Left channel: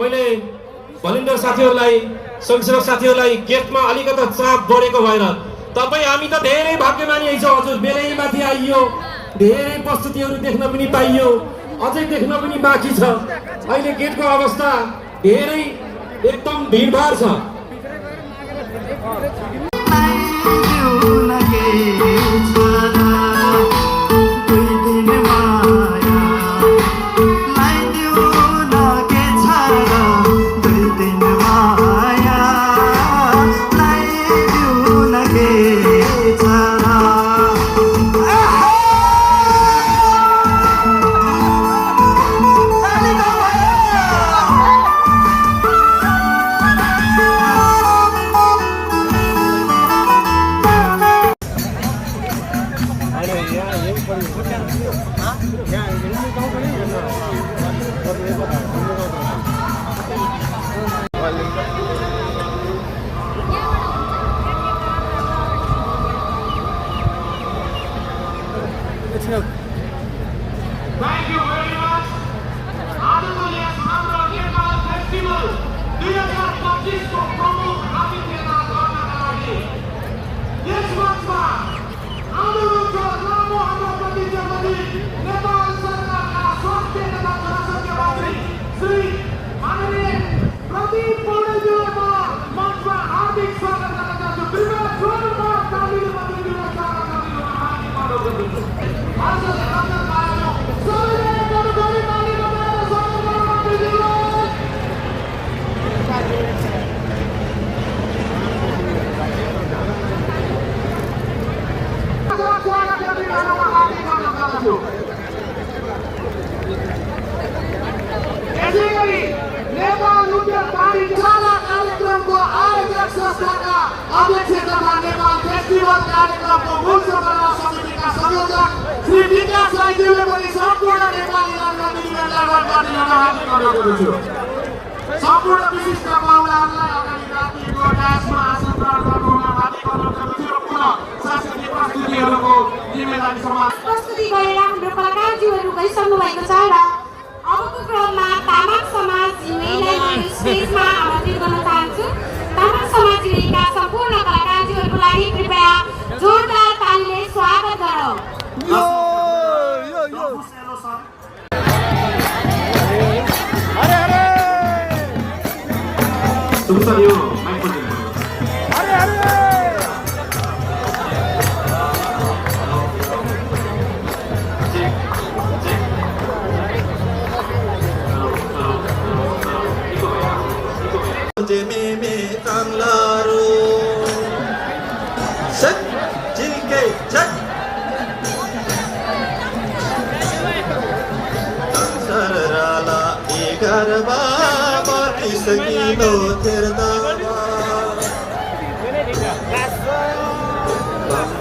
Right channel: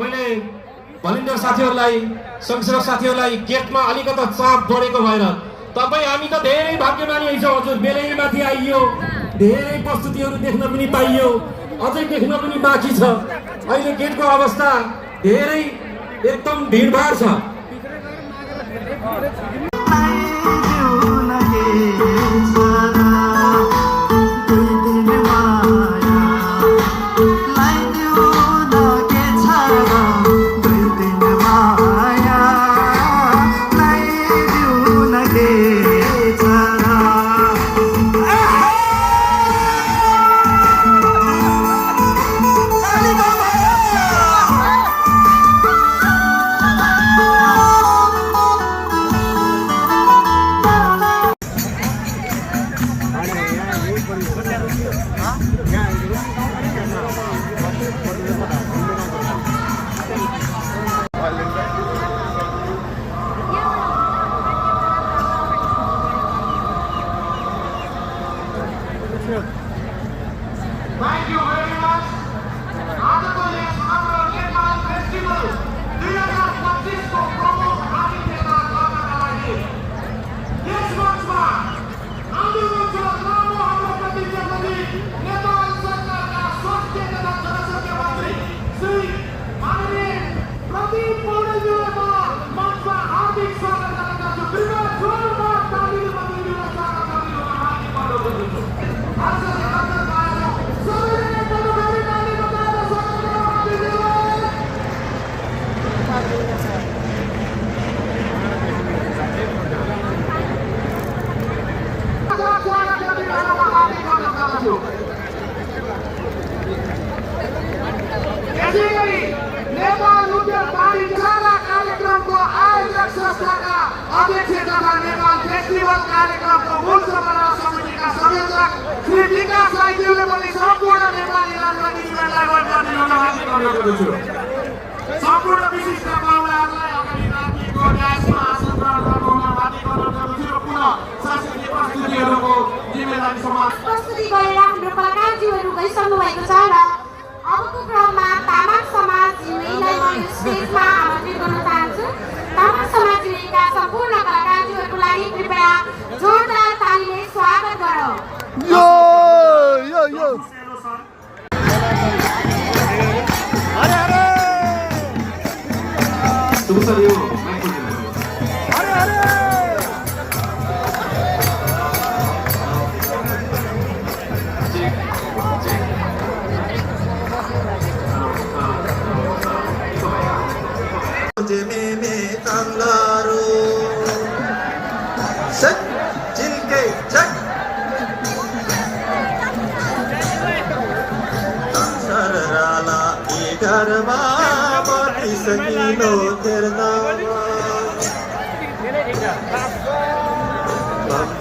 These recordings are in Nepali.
मैले भलिन्टियर साथीहरूलाई स्वयंसेवक साथीहरूलाई गेटमा अलिकति चाप बढेको भएर तपाईँ हामी त धेरै भाग्यमानी छौँ हजुर। बेलैमाथि आइयो, धेरै प्रस्तुतिहरू देख्न पनि पाइयो, अझै देख्न पनि बाँकी छ। अहिले गेटको अवस्था धेरै एकदम भिडभाड छ। Thank you very much. आजको यस हाम्रो नेपाल फेस्टिभल 2025 को प्रमुख आतिथ्यता गर्नका लागि यस मञ्चमा आन्दोलनको लामो हाम्रो प्रतिनिधि नेपाल सरकारका स्वास्थ्य तथा जनस्वास्थ्य मन्त्री श्री आर्य प्रदीप पौडेलज्यूलाई मञ्चमा हार्दिक स्वागत गर्न चाहन्छु। कृपया जोरदार तालीमा दिनुहोस्। स्वागत गरिदिनुहोस्। आजले हाम्रो आयो सबैले गणतन्त्र ताली बजाएर स्वागत गर्नुहोस्। यसैगरी नेपाल नृत्य पाठशाला कार्यक्रमको आयोजक संस्थाका अध्यक्ष तथा नेपाल फेस्टिभल कार्यक्रमको मूल सञ्चालन समितिका संयोजक श्री विकास राईज्यूले पनि सम्पूर्ण नेपालीलाई प्रतिनिधिलाई वरदान अनुरोध छु। सम्पूर्ण विशिष्ट पाहुनाहरूलाई अगाडि राखिएको ड्यासमा आसन ग्रहण गर्नुहुन हार्दिक अनुरोध गर्दछु र पुनः सांस्कृतिक प्रस्तुतिहरूको जिम्मेदारी सम्हाल्न प्रस्तुति गरेर हाम्रो कलाकारज्यूहरू गइसक्नु भएको छ र अबको क्रममा तामाङ समाज जिम्मेलाई म स्टेजमा आमन्त्रित गर्न चाहन्छु। तामाङ समाज जिम्मेका सम्पूर्ण कलाकारज्यूहरूको लागि कृपया जोरदार तालीले स्वागत गरौँ। Jememe tanglaro sat jinke chat sarala egarba bati sakino terna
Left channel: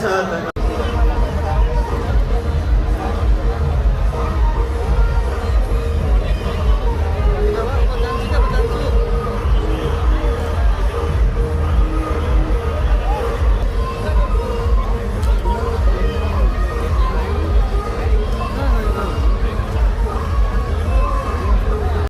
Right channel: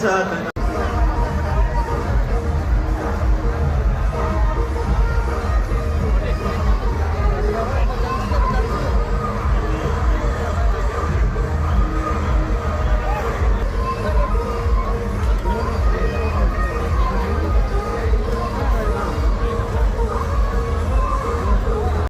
छन्